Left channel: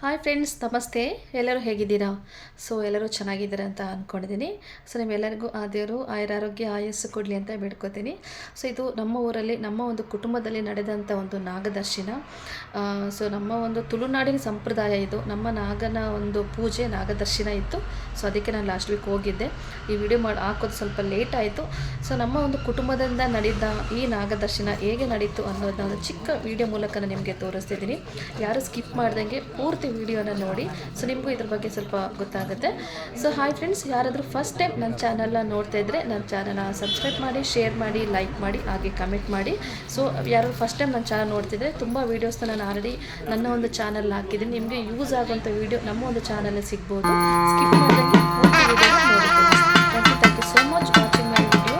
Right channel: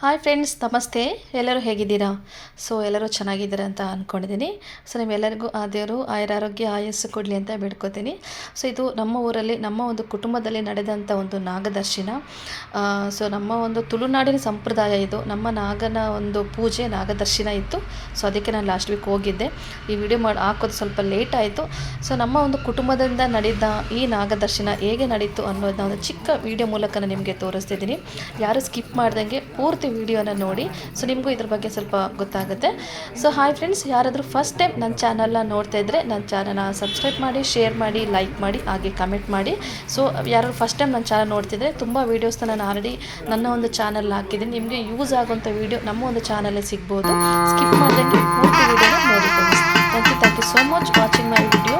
Hi friends, ನಮಸ್ತೆ. ಎಲ್ಲರೂ ಹೇಗಿದ್ದೀರಾ? ಎಲ್ಲರೂ ಚೆನ್ನಾಗಿದ್ದೀರಾ ಅಂತ ಅಂದ್ಕೊಂಡಿದ್ದೀನಿ. ನಿಮ್ಮೆಲ್ಲರಿಗೂ ಆ ದೇವರು ಆಯುರಾರೋಗ್ಯ ಆಯಸ್ಸು ಕೊಡಲಿ ಅಂತ ಬೇಡ್ಕೋತೀನಿ. ಇದು ನಮ್ಮ ಊರಲ್ಲಿ ನಮ್ಮ ಒಂದು ಕುಟುಂಬದಲ್ಲಿ ನಡೆದಂಥ ಒಂದು ನಾಗದರ್ಶನ. ನಮ್ಮ ಒಂದು ತುಳುನಾಡಿನ ಸಂಪ್ರದಾಯ ಇದು. ನಮ್ಮ ನಾಗನ ಒಂದು ಪೂಜೆ ನಾಗದರ್ಶನ ಇತ್ತು. ಅದಕ್ಕೆ ನಾನು ಲಾಸ್ಟ್ ವೀಕ್ ಹೋಗಿದ್ದೆ. ಈ ವಿಡಿಯೋ ಹಾಕೋದು ಸ್ವಲ್ಪ ಲೇಟ್ ಆಯಿತು. ನಮ್ಮ ಒಂದು ಕುಟುಂಬದಿಂದ ನಡೆದ ಈ ನಾಗದರ್ಶನ ಹೇಗೆ ನಡೀತು ಅನ್ನೋದನ್ನ ಒಂದು ಚಿಕ್ಕ ವಿಡಿಯೋ ಮೂಲಕ ನಾನು ನಿಮಗೆ ತೋರಿಸ್ತಿದ್ದೀನಿ. ಯಾರು ಸ್ಕಿಪ್ ಮಾಡ್ದಂಗೆ ಪೂರ್ತಿ ವಿಡಿಯೋನ ನೋಡಿ. ನಿಮಗೂ ಇದ್ರ ಬಗ್ಗೆ ಸ್ವಲ್ಪ ಗೊತ್ತಾಗುತ್ತೆ. ಹಾಯ್ ಫ್ರೆಂಡ್ಸ್, ಯಾರಾದರೂ ಫಸ್ಟ್ ಟೈಮ್ ನನ್ನ ಚಾನಲ್ನ ನೋಡ್ತಾ ಇದ್ದರೆ ನನ್ನ ಚಾನಲ್ನ ಸಬ್ಸ್ಕ್ರೈಬ್ ಮಾಡಿ, ಶೇರ್ ಮಾಡಿ, ಲೈಕ್ ಮಾಡಿ, ಹಾಗೆ ಕಮೆಂಟ್ ಮಾಡಿ. ಯಾರು ಫಸ್ಟ್ ಟೈಮ್ ನನ್ನ ಚಾನಲ್ ನೋಡ್ತಿದ್ರೆ ತುಂಬ ವೀಡಿಯೋಸ್ನ ನಾನು ಆಲ್ರೆಡಿ ನನ್ನ ಒಂದು ಚಾನಲ್ ಹಾಕಿದ್ದೀನಿ. ನಿಮಗೆ ಯೂಸ್ ಆಗುವಂಥ ವೀಡಿಯೋ ನಮ್ಮ ಒಂದು ಚಾನಲಲ್ಲಿ ಸಿಗ್ಬೋದು. ಸ್ಕಿಪ್ ಮಾಡ್ದಂಗೆ ಪೂರ್ತಿ ವಿಡಿಯೋನ ನೋಡಿ friends. Thank you so much watching my video.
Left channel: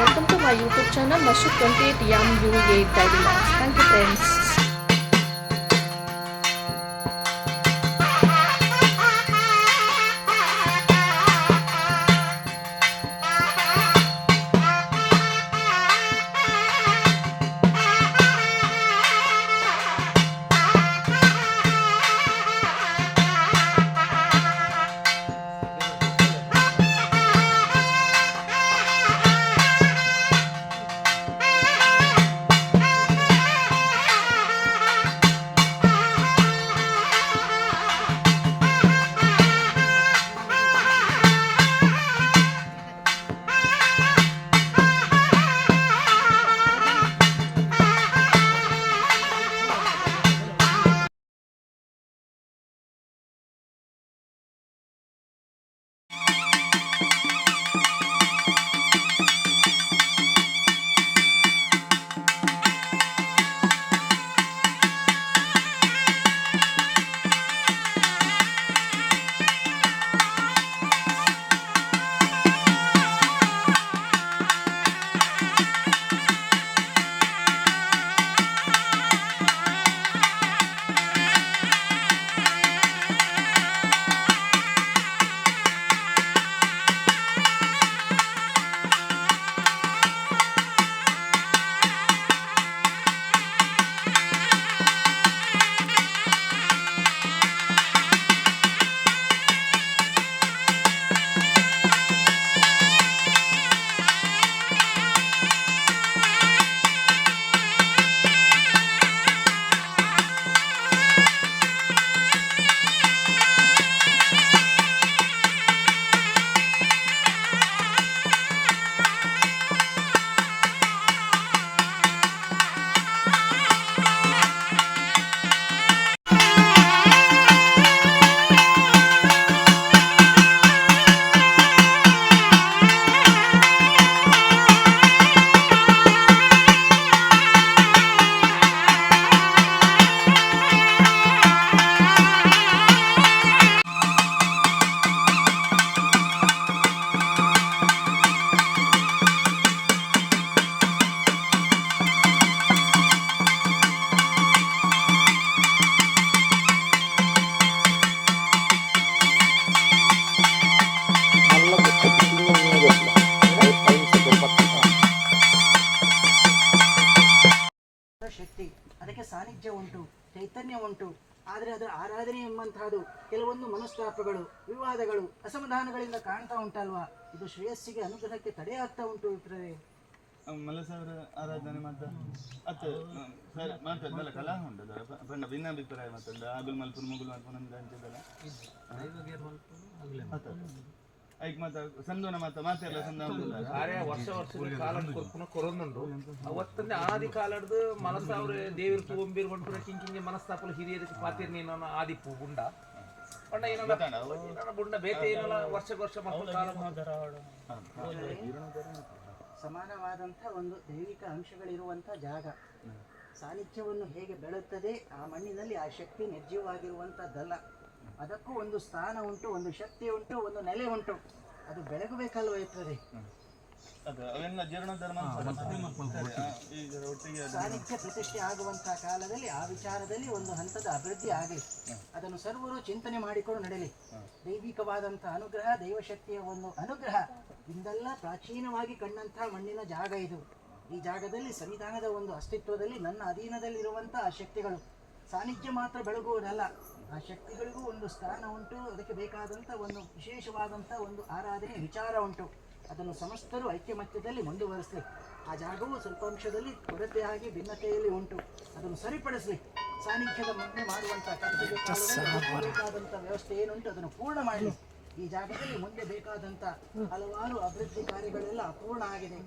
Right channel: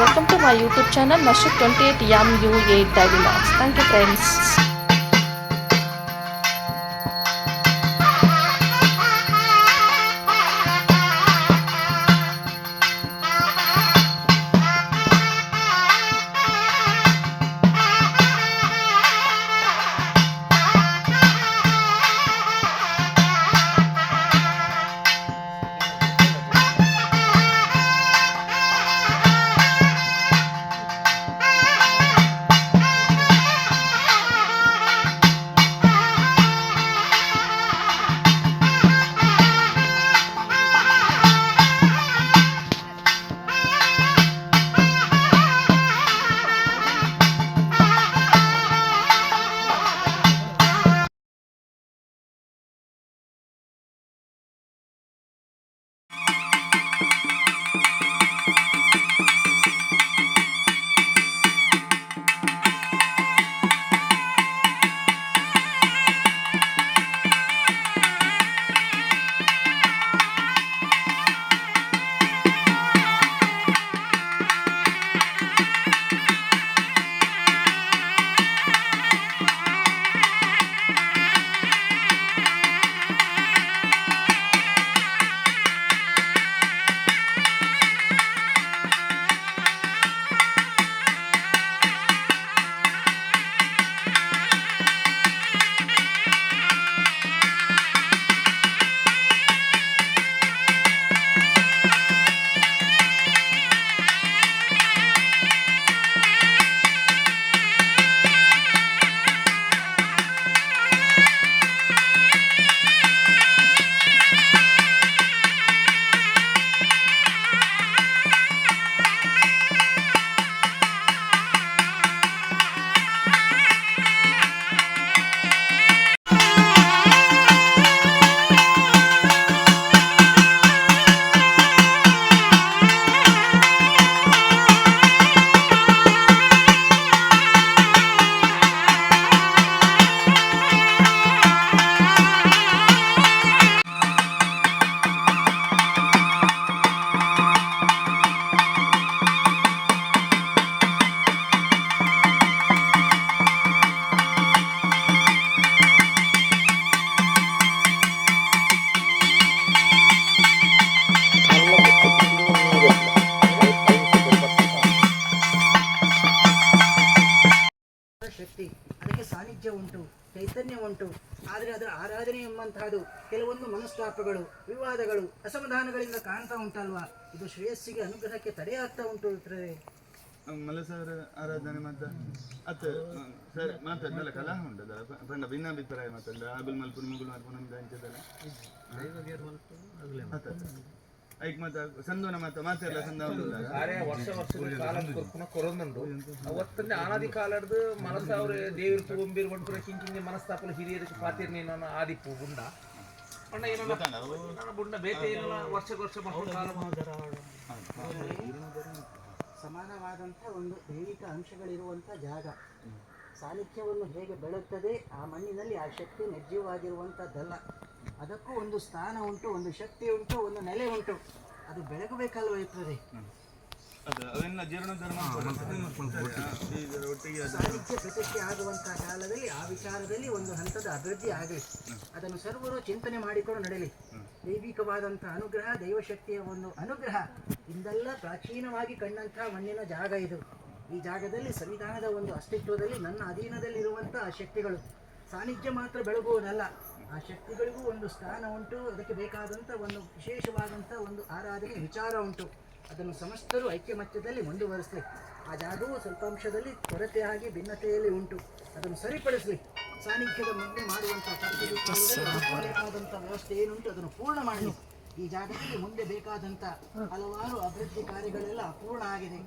Welcome to my YouTube channel Mashook 28MU8 daily vlogs. Thank you friends. ಶಕ್ತಿ, ಅದಕ್ಕೆ ಸಾನ್ನಿಧ್ಯ ಉಂಟು, ಚೈತನ್ಯ ಉಂಟು. ಆದರೆ ಅದರ ಆರಾಧನೆ ಎಂಬಂತಹದ್ದು ಕೆಲವೊಂದು ಮನಸ್ತಾಪಗಳು, ವಿವಾದಗಳು, ಅಸಮಾಧಾನಗಳಿಂದ ಕಾಣ್ತಾ ಉಂಟಲ್ವಾ? ಇದು ಶ್ರೇಯಸ್ಸಿಗೆ ಅನುಗ್ರಹಕ್ಕೆ ತಡೆಯಾಗ್ತಾ ಉಂಟು. ಇತರೆ ಮಲಸವರ ಆರಾಧನೆ ಸರ್ ಮಾತಾಡ್ದಲ್ಲ ಕಲಾ ಉಂಟದಲ್ಲ ಪಂಡ ಭಿನ್ನಾಭಿಪ್ರಾಯ ಮಾತಾಡ ಆಗುಲ್ ಮಲ್ಪುನ ಮುಗುಲ್ ಮಲ್ಪುನ ಹಂಚದಲ್ಲ ಐಕ್ ಮಾತ ಸಂದೋನ ಮಾತಾಡಲ್ಲ ಕೊರೊಂದುಂಡು ಅವತ್ತಂದೆ ಆದಿ ಕಾಲಡ್ದು ಮನಸ್ಸು ಅವ್ರು ದೇವ್ರ ತಗೊಂಬಿರ್ ಬಂಟ್ರೆ ಕಿಂಕಿಂಗೆ ಮನಸ್ತಾಪಲು ಹಿರಿಯರಿಗೆ ಪಾತಿರ್ ನೀನು ಆದಿಪ್ಪು ಗುಂಡ ಪಂಡ ಏನಲ್ಲ ಬುಂಡ ಬೇತೆ ಏನಲ್ಲ ವರ್ಷ ಸಮಾನವಾದಂಥ ಒಂದು ದೈವಿಕ ಅಂಶಗಳಿರುವಂಥ ಜಾಗ. ಸಾನ್ನಿಧ್ಯವನ್ನು ಹೇಗೆ ಬೆಳೆಯುತ್ತದೆ, ಆ ಮಣ್ಣಿನಲ್ಲಿ ಆ ಶಕ್ತಿ ನಿರ್ಜೀವವಾಗಿರುವಂಥದ್ದಲ್ಲ. ಅದಕ್ಕೂ ಒಂದು ಸ್ಥಾನ ಉಂಟು, ಒಂದು ಶಕ್ತಿ ಉಂಟು, ಒಂದು ನೆಲೆ ಉಂಟು. ಅದು ಬೆಳಗಬೇಕಲ್ವ ಇರ್ತದೆ. ಸಾಹಿತ್ಯ ಪ್ರತಿಷ್ಠೆ ಆಗುವಂತಹ ಕಾಲದಲ್ಲಿ ಆ ವಿಚಾರದಲ್ಲಿ ಒಂದು ಹಂತದ ಅಭಿವೃದ್ಧಿ ಆಗಲಿ. ಅದನ್ನು ಸರ್ವರು ಚಿಂತನೆ ಮಾಡಿಕೊಂಡು ನಡೆಯಲಿ. ದೈವಿಕವಾದಂತಹ ಅನುಗ್ರಹ, ದೈವಶಕ್ತಿಯ ಒಂದು ಅನುಗ್ರಹ ಇಂದೆಲ್ಲ ಪ್ರಾಚೀನವಾಗಿ ಕಂಡಂತಹ ಮಣ್ಣಿನ ಜಾಗ ಇದು. ಈ ಜಾಗದಲ್ಲಿ ಸಂವಿಧಾನದ ಒಂದು ಅಸ್ತಿತ್ವದಲ್ಲಿ ನನ್ನ ಅಧೀನದಲ್ಲಿರುವಂತಹ ಶಕ್ತಿಗಳು ಸಾನ್ನಿಧ್ಯ ಮಾತ್ರ ಬೆಳಗುವುದಲ್ಲ, ಆ ಶಕ್ತಿಗಳಿಗೂ ಒಂದು ಸ್ಥಾನ ಉಂಟು, ಅದಕ್ಕೆ ಬೇಕಾದಂಥ ಒಂದು ವಿಶೇಷವಾದಂಥ ಒಂದು ಆರಾಧನೆ ವಿಚಾರ ಉಂಟು. ಅದನ್ನು ಸಮಸ್ತರು ಐಕ್ಯಮತ್ಯದಲ್ಲಿ ಮುಂದುವರಿಸಲಿ. ಆ ಜಾಗವು ಸ್ವಲ್ಪ ಅಂಶದಲ್ಲಿ ಕೊರತೆಯಾಗಿ ಭಿನ್ನತೆಯಲ್ಲಿ ಉಂಟು, ಅದನ್ನು ಸರಿಪಡಿಸಲಿ. ಸಾನ್ನಿಧ್ಯದ ಮುಂದೆ ಮಾಡುವಂಥ ಬೇಕಾದಂಥ ವ್ಯವಸ್ಥೆ ಏನುಂಟು ಅದನ್ನು ಪೂರ್ಣ ಮಾಡಲಿ. ಈ ಜಾಗದಲ್ಲಿ ಮುಂದೆ ಬೇಕಾದಂಥ ಹಲವಾರು ಅಭಿವೃದ್ಧಿ ಕಾರ್ಯಗಳೆಲ್ಲ ಅಪೂರ್ಣ ಆಗಿದೆ.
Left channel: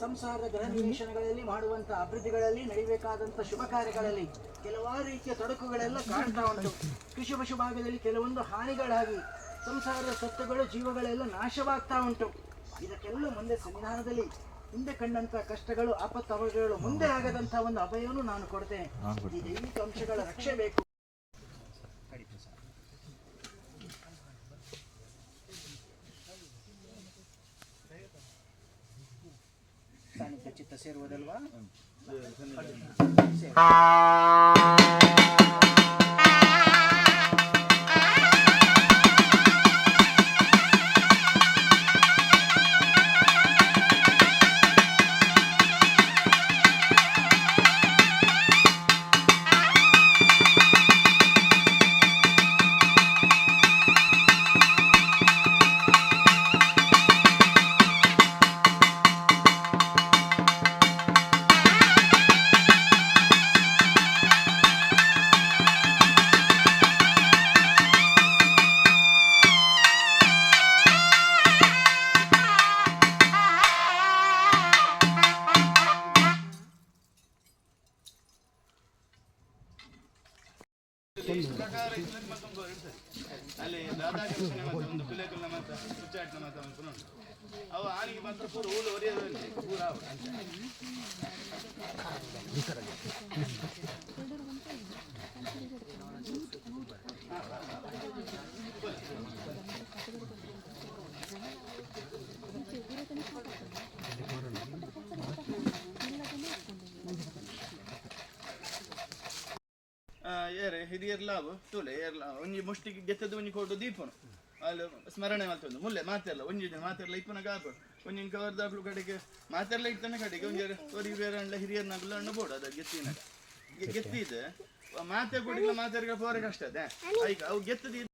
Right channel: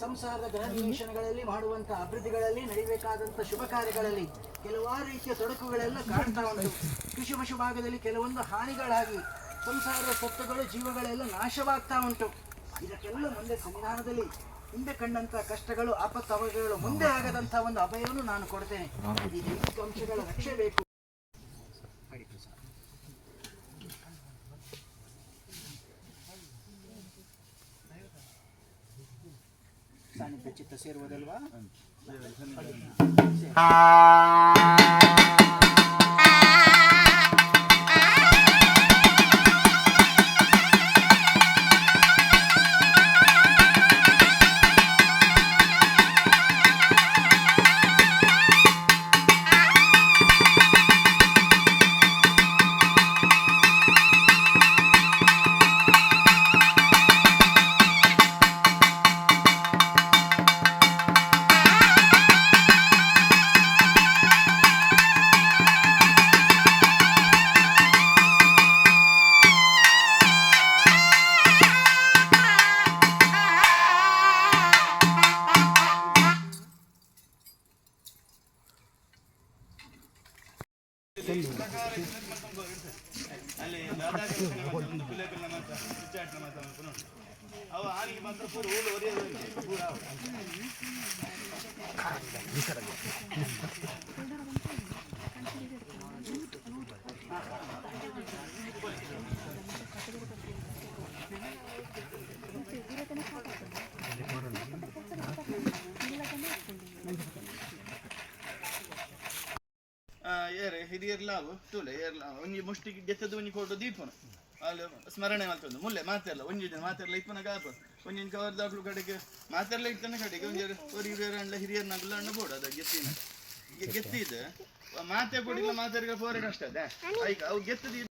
ಸಂಸಾರದ ಗೃಹ ನಿವೇಶನಗಳಲ್ಲಿ ಮಾಡುವಂಥ ಅಭಿವೃದ್ಧಿಗಳಲ್ಲಿ ನಡಿಬೇಕಾದಂಥ ಶುಭ ಕಾರ್ಯಗಳಲ್ಲಿ ಕೆಲವಾರು ರೀತಿಯ ತೊಡಕುಗಳೆಲ್ಲ ಕಾಣ್ತಾ ಉಂಟು. ಕೃಷಿ ಪಶು ಭಾಗದಲ್ಲಿ ಕೆಲವೊಂದು ಹಾನಿಗಳಾಗಿ ಸಂಸಾರದ ಸತ್ವಗಳು ಜೀವಗಳೆಲ್ಲ ನಾಶವಾಗ್ತಾ ಉಂಟು. ಇದಕ್ಕೆಲ್ಲ ಮುಂದೆ ಸಂವಿಧಾನದಲ್ಲಿ ಹಿಂದೆ ಕಂಡಂಥ ಕಷ್ಟಗಳು ಆಪತ್ತವಗಳು ಮುಂದೆ ಆಗದಂಥ ಒಂದು ಅಭಯವನ್ನು ನಾನು ಕೊಡ್ತೇನೆ. ಈ ದೈವಿಕ ಅಂಶಗಳ ರಕ್ಷೆ ಬೇಕು. ಸಾನ್ನಿಧ್ಯ ಚಿತ್ತ ಸೇರುವುದಲ್ವಾ? ಅಲ್ಲಿ ಒಂದು ಪಿಲೇಕಲ್ನ ಮಾತ್ರ ಹುಚ್ಚಾಟ್ನ ಮಾತ್ರ ಅವು ಆನಿಗೆ ಮಾತ್ರ ಪೂರ ಹೂಳು ಹೊರಿಯೋದು ಪೂರ ಏರೆ ಹಿರಿಯರ್ಲಾವು ತೂಲೆ ಏರ್ಲ ಒಂಜಿ ಮುಷ್ಟಿಗೆ ಗೆತ್ತದ ಒಂಜಿ ಕೊಟ್ಟು ದೀಪನು ಅಲ್ಲಿ ಸ್ಮರಣೆ ಮಾಡ್ತಂದು ಮುಲ್ಲೆ ಮಾತೆಲ್ಲ ಒಂಜಿ ಜನ ಮಾತೆಲ್ಲ ಇಪ್ಪನ ಗಾಪ ಒಂಜಿನ ಕವರ್ ದಾಕ್ಲು ಕಡೆಗೆ ಮಾತೆಲ್ಲ ಇಟ್ಟನ ಕಡೆಗೆ ಒಂಜಿ ಹಿರಿಯರ ಹಿರಿಯರ್ನಾಗಲ್ಲ ಅಣ್ಣ ಬೋಡು ಅದ ಗೆತ್ತಿನ ಗೆತ್ತಿದೆ ಮಾತೆ ಕೊಡಿಲ್ಲ ಮಾತಾಡಿಗೆ ಪೋರೆ ಕಷ್ಟ ಅದೇ ಈಗ ಅವು ಗೆತ್ತದ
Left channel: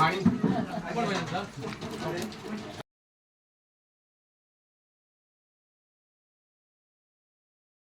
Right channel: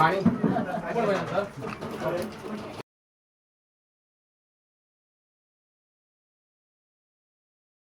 ಪಾಣಿ